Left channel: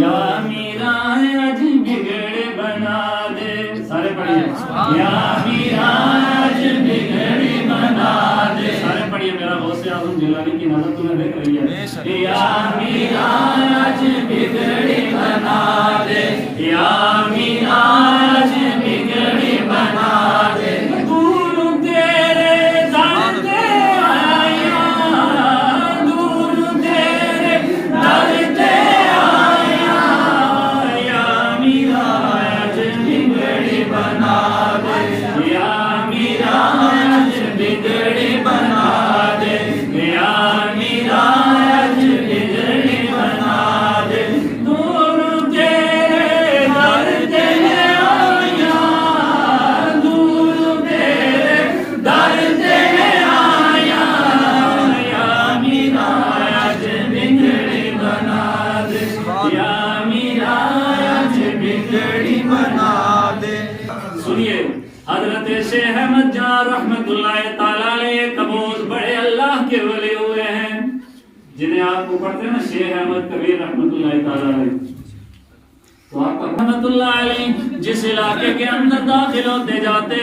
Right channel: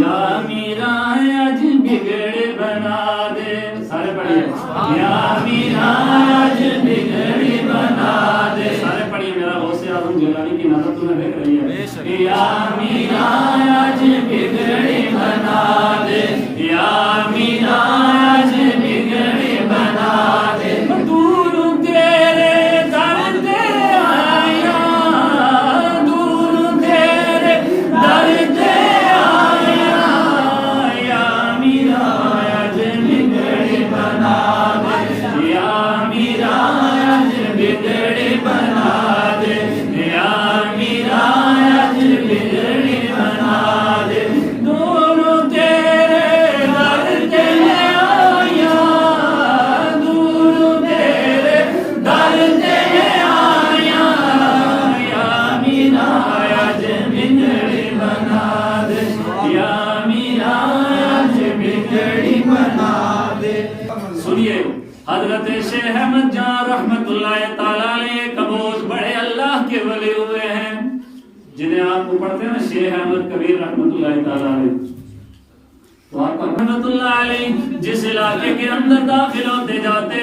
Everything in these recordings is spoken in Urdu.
یا میرا آج بگڑ بنا دے. سارے پڑھیے یا میرا آج بگڑ بنا دے. سارے پڑھیے میرا غوث اعظم جیلانی کی نظر تمہیں دیکھ رہی ہے. یا میرا آج بگڑ بنا دے. یا میرا آج بگڑ بنا دے. دور تیرے در دے آیا, دور تیرے در دے آیا. یا میرا آج بگڑ بنا دے. یا میرا آج بگڑ بنا دے. یا میرا آج بگڑ بنا دے. دور تیرے در دے آیا, دور تیرے در دے آیا. یا میرا آج بگڑ بنا دے. یا میرا آج بگڑ بنا دے. سنیے حضرت شیخ احمد جان رحمت اللہ تعالیٰ علیہ قبوس بڑے اللہ کے ولی ہوئے ہیں, جنہیں آپ کو پڑھتے ہیں نا شیخ احمد کبیر رحمت اللہ تعالیٰ علیہ. تو آپ رحمت اللہ علیہ جس علاقے کے اندر داخل ہوتے جاتے,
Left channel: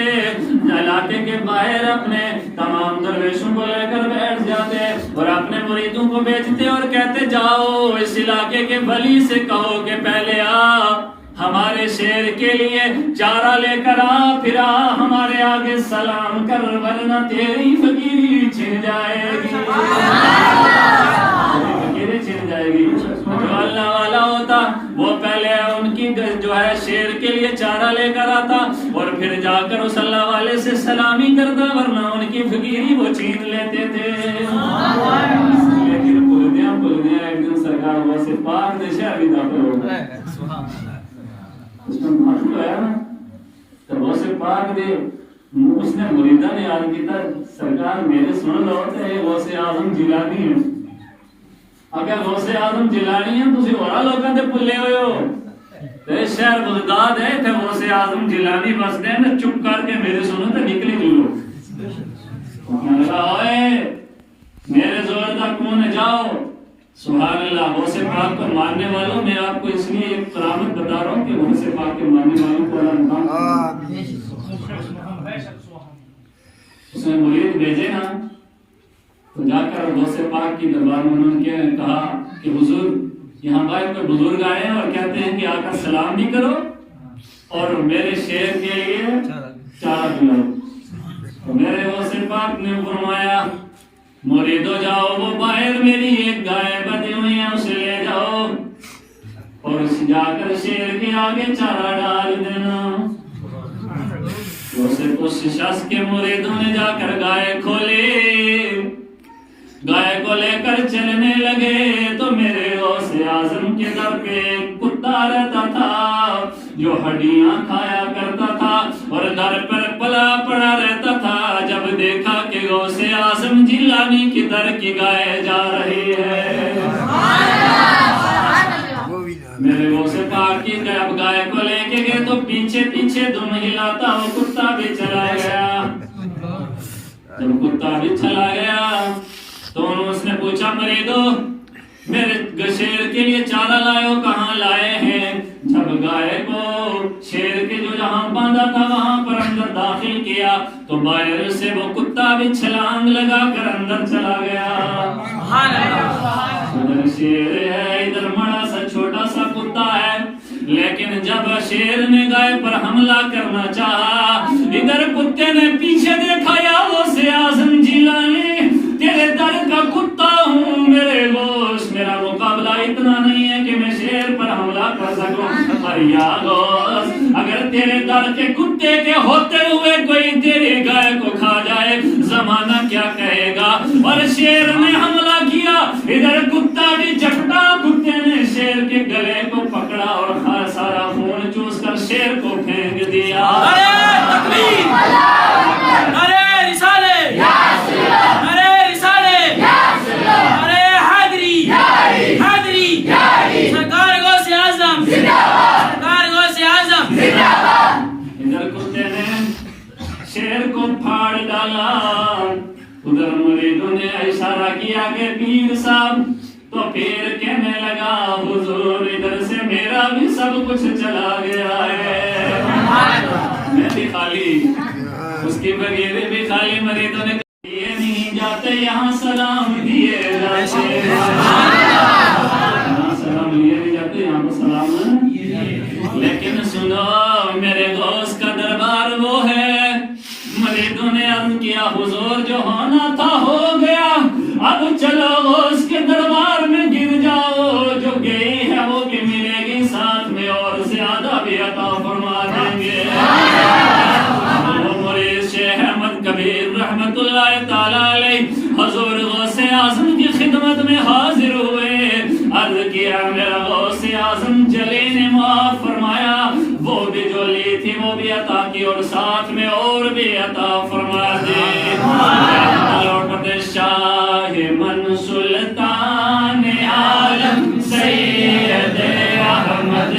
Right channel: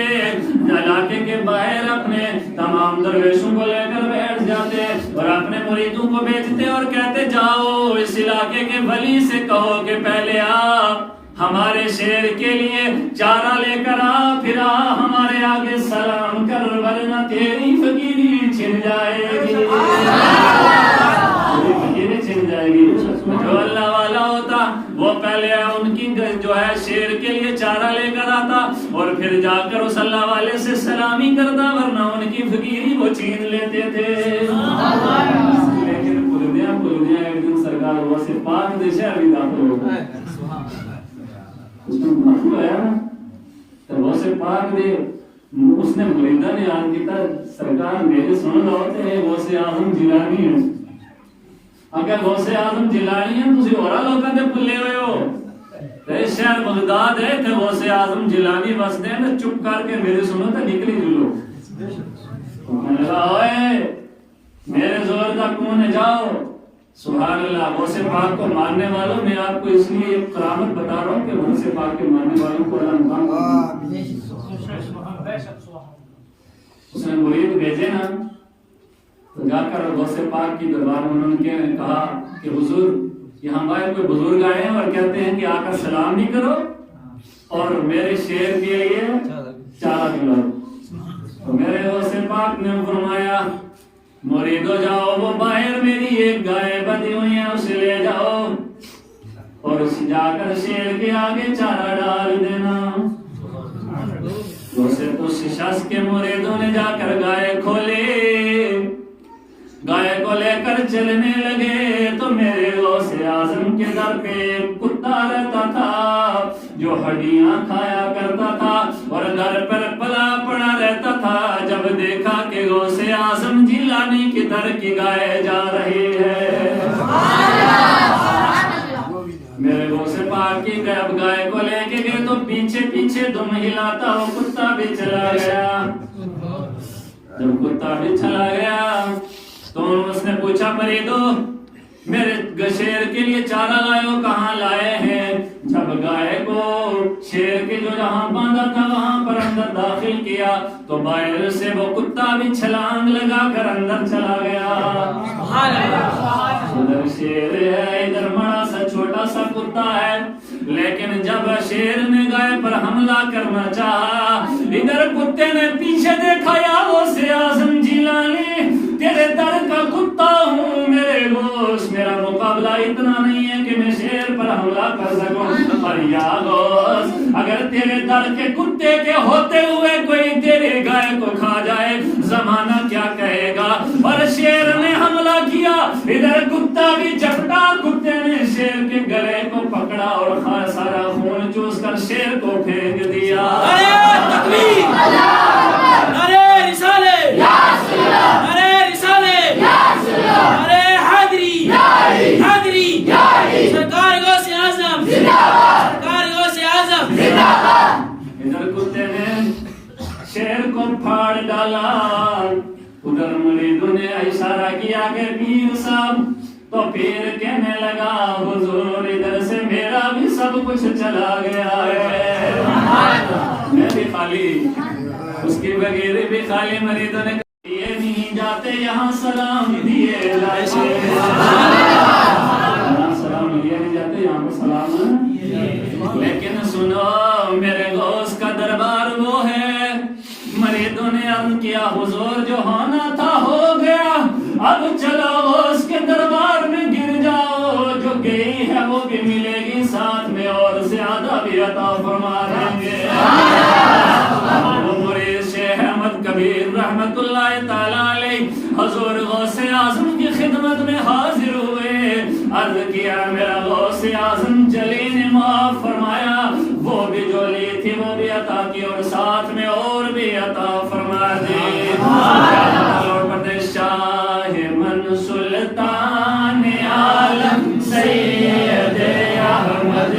علاقے کے باہر اپنے تمام درویشوں کو لے کر بیٹھ جاتے اور اپنے مریدوں کو بھیجتے اور کہتے جاؤ اس علاقے کے ولی سے کہو کہ پہلے آ ہمارے شیر کے لیے چارہ لے کر آ, پھر آ ہمارے آگے سلام کر, ورنہ تیری فقیری چھن جائے گی. تیری فقیری چھن جائے گی. جو اللہ والا ہوتا وہ پہلے ان کی جو ہے شیر کے لیے چارہ لے کر آتا اور پھر جا کر اس اللہ والے سے سلامی کرتا, ورنہ ان کی فقیری وہ چھین لیتے تھے. لیکن پلدیاں ایک دن سرکار وہ سے پاک دشا بھی داخل ہو گئے. اس میں مخلوق آیا نا تو وہ سے پاک دے, اس نے مریدہ نے آن کیتا سرکار میرے سن لو تے غوث اعظم جیلانی ہے. اگر غوث اعظم جیلانی ہے تسی اور لوکاں تے بھلے ہوئے ہو. تے شہر بغداد ہے تے غوث اعظم جیلانی بس دے نا, چپ کر کے میرے سنو تے نکلی جلو. اوئے میرے زور دا کون جاؤ. سبحان اللہ. غوث پاک کو ماننے والوں میں آپ کو اس لیے ایک کرامت بتا رہا ہوں کہ غوث پاک کے ماننے والوں کو اللہ نام اس نے مرید بھیجے نا, تو جا کر غوث پاک کی دربار میں انہوں نے کہا کہ حضور یہاں باہر کوئی بزرگ آئے ہیں اور کہتے ہیں کہ آ کر سلام بھی کرو اور میرے شیر کے لیے چارہ کھلاؤ. تو میرے غوث پاک نے فرمایا مریدو جاؤ, وہ باہر میری ایک گائے بدی ہوئی ہے اسے لے جاؤ اور جا کر شیر کے آگے چارہ ڈال دینا. اس شخص کے مریدوں نے جا کر گائے کھولے, گائے کو لے کر چلنے لگے تو میرے غوث اعظم کے گھر پہ ایک کتا رہتا تھا جو ہڈیاں کھایا کرتا تھا اور گھر پر پلا پڑا رہتا تھا. جب دیکھا کہ غوث اعظم جیلانی کی در کی گائے جا رہی ہے, میرے غوث پاک کی گائے کو لے کے گئے تو پیچھے پیچھے دم ہلاتا وہ کتا بھی چلا گیا. جب کتا بھی چلا گیا تو اس نے پوچھا مریدو میرے شیر کے لیے چارہ لائے ہو, کہاں لائے ہیں. جب گائے کو شیر کے جو جہاں باندھا تھا وہاں پر اندر داخل کیا تو باہر سے وہ کتا بھی چھلانگ لگا کر اندر چلا گیا. ادھر شیر ہے, ادھر بڑا سا چھوٹا سا کتا ہے, لیکن جب شیر نے گائے پر حملہ کرنا چاہا ادھر کتے نے پیچھے دیکھا. یا غوث اعظم جیلانی تیرے در کا کتا ہوں, میرے غوث میرا مقابلہ اتنا نہیں ہے کہ میں شیر پر حملہ کر سکوں, پر یا غوث اگر تیرے در کے کتے کے ہوتے ہوئے کوئی تیرے گائے کو کھا جائے زمانہ کیا کہے گا. اور شیر نے حملہ کیا, ادھر کتا بھی جھپٹا, کتے نے شیر کے گلے کو پکڑا اور سارا خون چوس کر شیر کو پھینک دیا. تکبیر, نعرہ رسالے, نعرہ رسالے, نعرہ حیدری, حیدری, سرکار غوث اعظم, سرکار غوث اعظم. ادھر کتے نے شیر کو پھاڑ ڈالا, ادھر مریدوں نے اشارہ کیا کہ پیر صاحب, تو پیر کہنے لگا حضور ادھر سے سب کچھ چلا گیا ہے، میں بھی خالی، اس کی بغیر بھی خالی، مریدوں نے دیے نہیں جاتے یہاں سلام دیے جاتے، یہاں سلام لیے نہیں جاتے، یہاں کو سلام لیکن سنو میرے غوث کا دربار وہ ہے، مریدوں نے عرض کیا حضور جو ہونا تھا ہو گیا، اب چلو غوث کے دربار میں گر جاؤ، جو گئی ہے وہ بھی ملے گی ساتھ میں اور زیادہ بھی عطا فرما دیں گے۔ مرید شیخ احمد کبیر رحمت اللہ تعالیٰ علیہ حضور غوث اعظم کی خدمت میں حاضر ہوئے، عرض کیا میرا غوث اعظم جلی نے معاف فرمایا، وہ بھی جو لی تھی وہ بھی عطا کی اور ساتھ میں اور بھی عطا فرما دی۔ شاہ من سلطان عالم سید احمد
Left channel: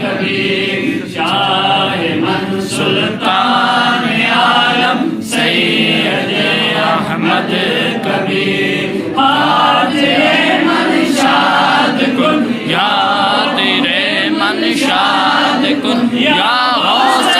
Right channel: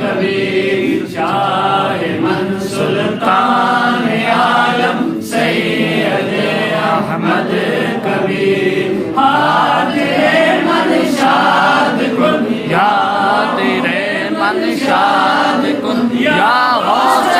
کبیر، شاہ من سلطان عالم سید احمد کبیر، حاضر من شاد کن یا تیرے من شاد کن یا غوث